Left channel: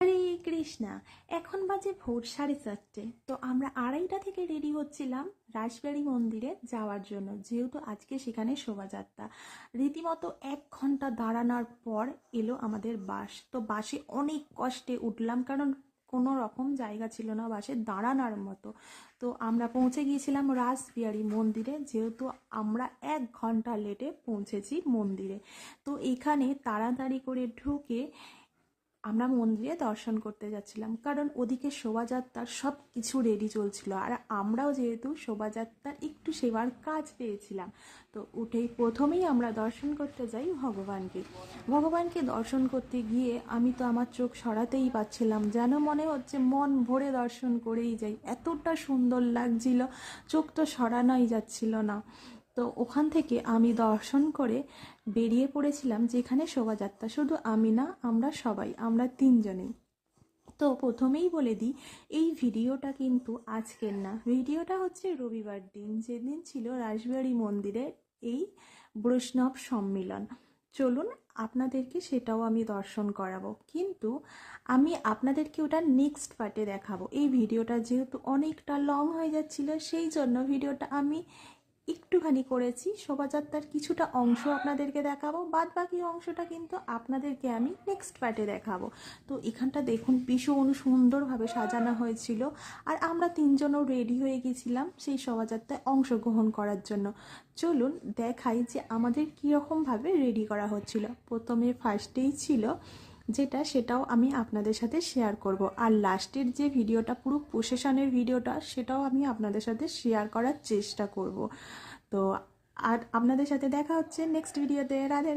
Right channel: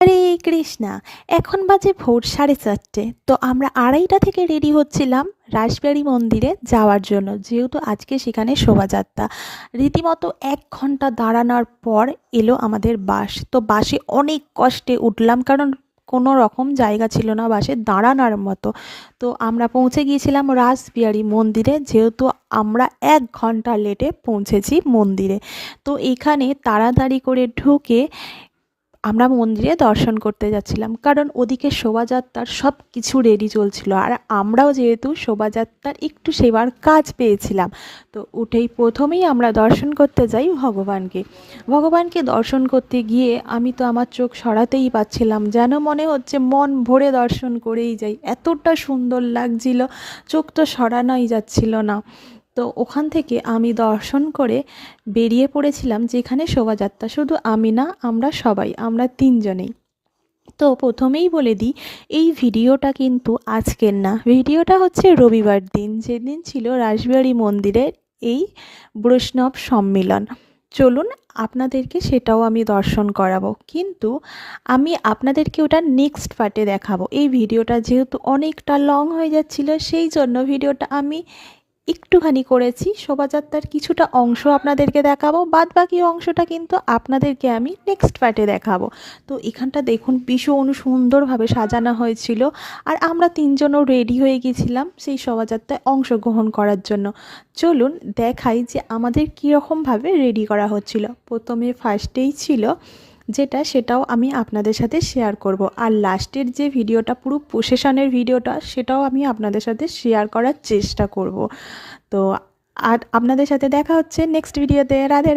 হরে কৃষ্ণা। এখন বাজে ভোর 4:30। তো আমরা 2:30টা থেকে রেডি হচ্ছিলাম রাসবিহারী মন্দিরে যাওয়ার জন্য, যেহেতু আজকে সেখানে শোভাযাত্রা। রীতিমতো 1 ঘন্টা দাঁড়ানোর পর এলো আমাদের বাস। তো বাসে অনেক কষ্টে উঠলাম, কারণ কোনো রকম জায়গা ছিল না বাসে দাঁড়ানোর মতো। তো আমরা পৌঁছে গিয়েছিলাম রাসবিহারী মন্দিরে, যেহেতু আমরা 1 ঘন্টা লেটে পৌঁছেছি মন্দিরে। তো এখানে তাড়াতাড়ি করে ঢুকে আমরা মন্দিরে দর্শন করতে যাচ্ছিলাম, কারণ ওদিকে শোভাযাত্রার সব কিছু রেডি চলছিল, আর আমরাও যেহেতু শোভাযাত্রার একটু সেবার কাজ পেয়েছিলাম। তো উঠেই প্রথমেই আমরা দর্শন করতে যাই ভগবানকে দর্শন করতে গিয়ে আমি তো আমার চোখ সরাতেই পাচ্ছিলাম, যেন মনে হচ্ছে মন ভরে দর্শন করেই যাই, এতটা সুন্দর লাগছিল, চোখ তো সরানোই যাচ্ছিল না। তো ওখান থেকে আমি দর্শন করে বেরিয়ে পড়েছিলাম যেখানে শোভাযাত্রা। শুধু আমি না, আমরা 3জনেই। তো প্রথমেই বলে দিই, এই ভিডিওটা কিন্তু আজকের না, ভিডিওটা হচ্ছে রবিবার দিন, যেদিন ছিল রাসবিহারী মন্দিরের এই বৈষ্ণব সম্মিলন। চলুন আপনাদেরকে সেটাও আমি দর্শন করাবো, কিন্তু আমি আপনাদেরকে ওটা নেক্সট পার্টে দেখাবো। এই ভিডিওটা যেহেতু অনেকটা লং হয়ে যাচ্ছিল, সেই জন্য ভিডিওটা আমি একটুখানি করেছি। শোভাযাত্রার কিছুটা অংশ আপনাদেরকে দেখাবো, বাদ বাকি অংশটা কিন্তু আপনাদেরকে আমি নেক্সট পার্টে দেখাবো। তো এখানটা দেখুন, ভীষণ সুন্দরভাবে সাজানো হয়েছিল, আর আমরা 3জনও রেডি হয়ে গেছিলাম সেই শোভাযাত্রায় অংশগ্রহণ করার জন্য। চলুন দেখাই যে আমাদের কীরকমভাবে রেডি করা হচ্ছিল। প্রথমে ফার্স্টেই ছিল সেটাও আমি আপনাদের সাথে শেয়ার করব, আর লাস্টের যে ভিডিওটা, পুরো প্রসেশনের ভিডিওটা, সেটাও আমি আপনাদের সাথে শেয়ার করার চেষ্টা করব। তো আর আপনাদের সাথে দেখা হচ্ছে নেক্সট ভিডিওতে। রাধে রাধে।